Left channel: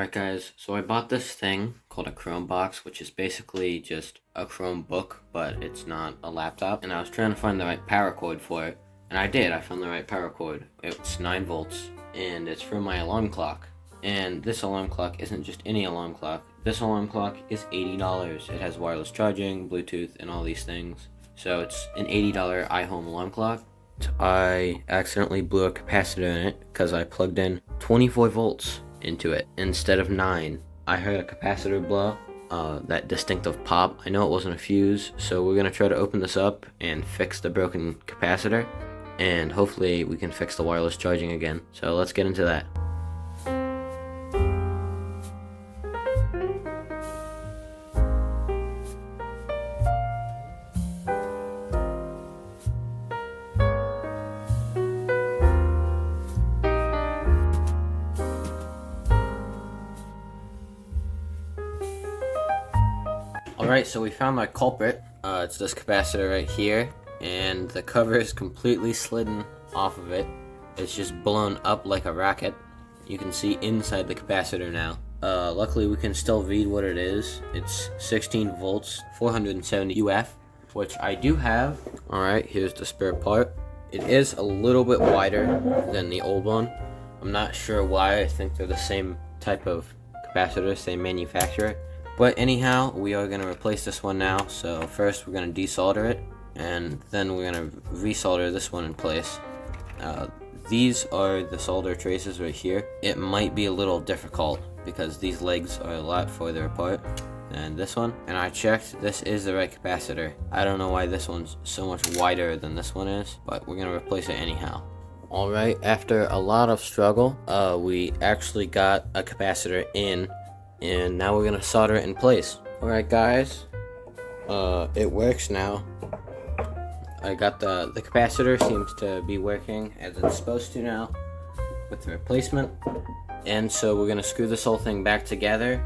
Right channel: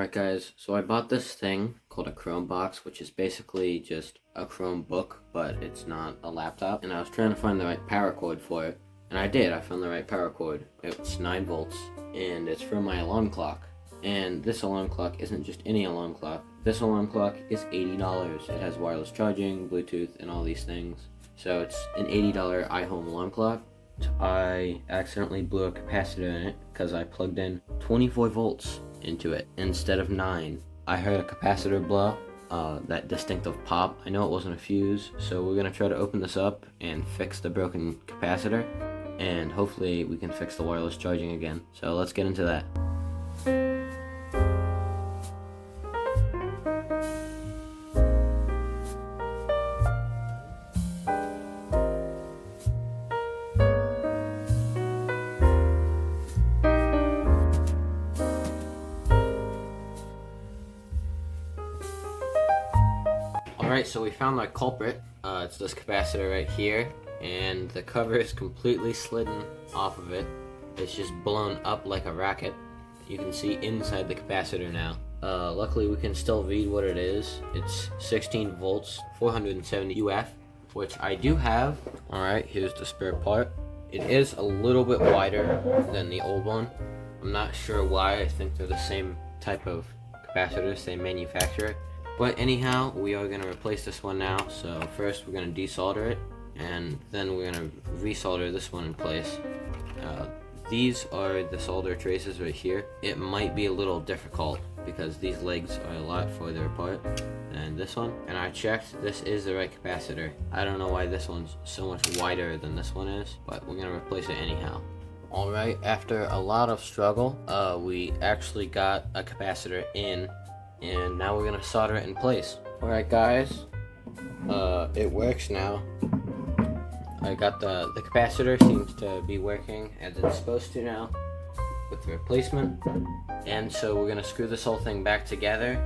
Alright guys, so I bought this thing called a Chrome box, which is basically just a Chromebook, but it's not a laptop, and I was trying to find the right power cord for it, and I did. I found the right power cord. It's 9 volts, and it's for my alarm clock. And this alarm clock isn't just any alarm clock. This alarm clock is $80. It has wireless charging, Bluetooth, and all these things. So it's an $80 iHome alarm clock. I accidentally blew a capacitor in it because I plugged in 24 volts into it instead of 9. I heard a capacitor blow, that distinctive pop. I know it wasn't a fuse, so we're gonna try to open this up and fix the broken capacitor, and hopefully we can fix the wireless charging again. So let's get into that. Alright, so we found my culprit. It's this capacitor right here, and the cover is completely slidden off of it. It's just blown up like a rocket. You can see inside the capacitor now. Luckily we can still read what it is. It's 16 volts, 470 UF, which I do have. Alright, here's the spare part. It is a little bit wider than the old one. I'm not sure why. I think they're the same type of capacitor, same manufacturer. But anyhow, we are going to replace this one now. So first we're going to desolder it, and then we're going to resolder this one in place. These are the solder traces right here. It might be a little difficult because these legs are a lot further apart than this one. And I checked, this is the right capacitor. I don't know why this one's so much wider than this one is, but we're going to replace it anyhow. Alright, after a lot of struggle, we actually got a capacitor in, and now we're gonna solder it in place. Alright guys, it works now. I got the capacitor seems to be working as it's supposed to now with the replacement. And so we're gonna screw this whole thing back together.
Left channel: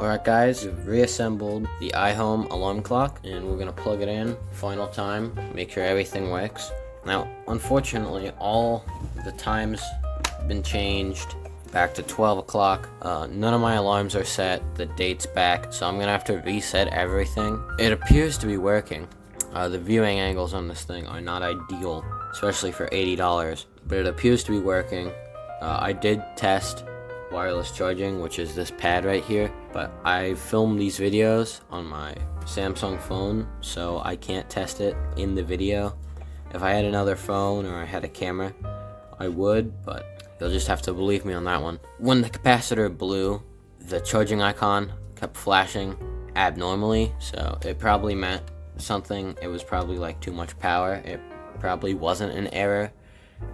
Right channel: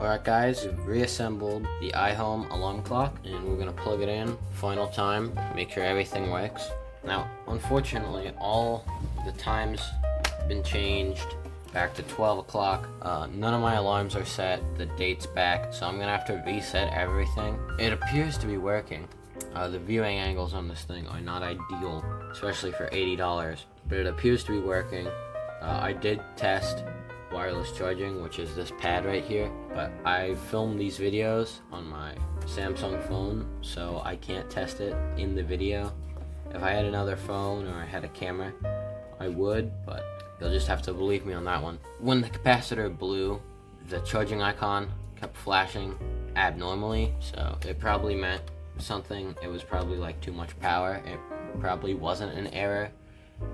Alright guys, we've reassembled the iHome alarm clock, and we're going to plug it in final time, make sure everything works. Now, unfortunately, all the times have been changed back to 12 o'clock. None of my alarms are set, the date's back, so I'm going to have to reset everything. It appears to be working. The viewing angles on this thing are not ideal, especially for $80, but it appears to be working. I did test wireless charging, which is this pad right here, but I filmed these videos on my Samsung phone, so I can't test it in the video. If I had another phone or I had a camera, I would, but you'll just have to believe me on that one. When the capacitor blew, the charging icon kept flashing abnormally, so it probably meant something. It was probably like too much power. It probably wasn't an error.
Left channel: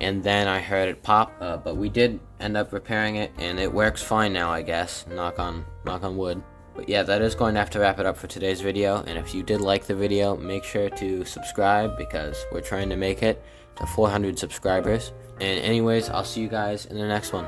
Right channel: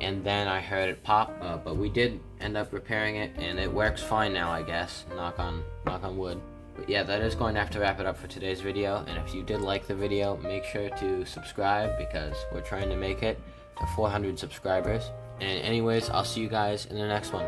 And then I heard it pop, but we did end up repairing it, and it works fine now, I guess. Knock on wood. But yeah, that is going to have to wrap it up for today's video. And if you did like the video, make sure to subscribe, because we're trying to make it to 400 subscribers. And anyways, I'll see you guys in the next one.